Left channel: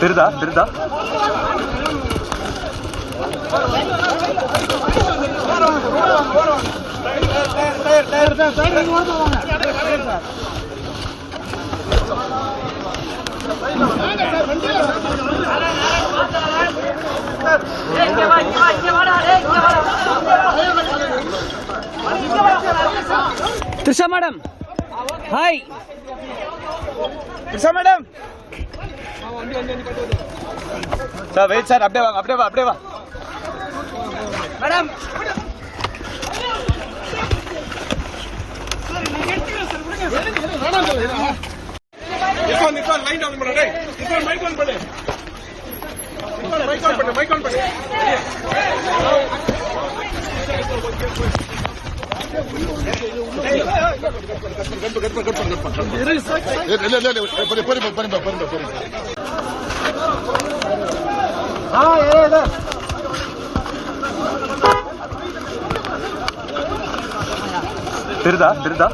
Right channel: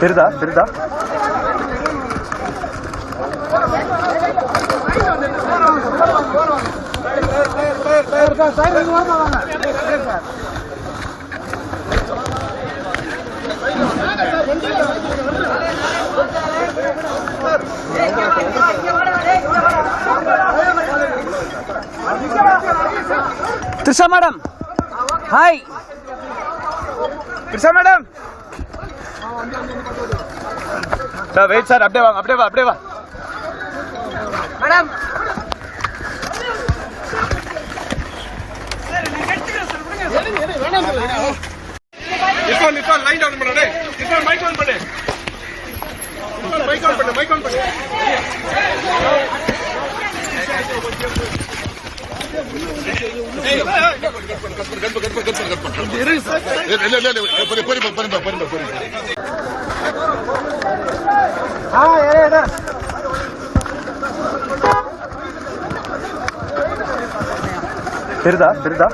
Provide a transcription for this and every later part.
பெருதா பெருதா Trisha madam hi Trisha madam sir wait sir अपडे वा मैडम लाइन डाउन பண்ணு டேய் இப்போ மைக் ஆன் பண்ணு மைக் ஆன் பண்ணு பெருதா பெருதா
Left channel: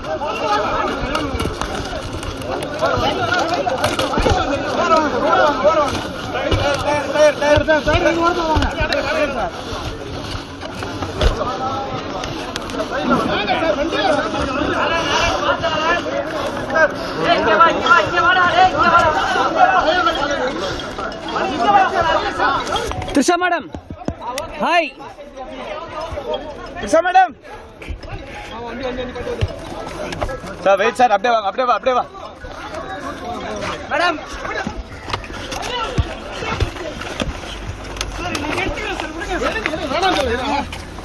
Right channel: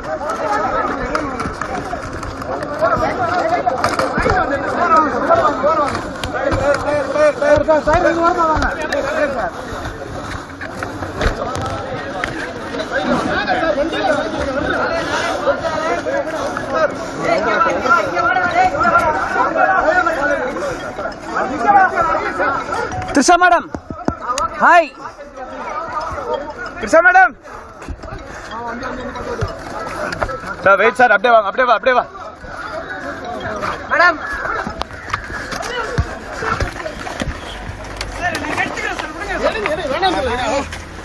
Trisha madam hi Trisha madam sir wait sir अपडे वा मैडम सर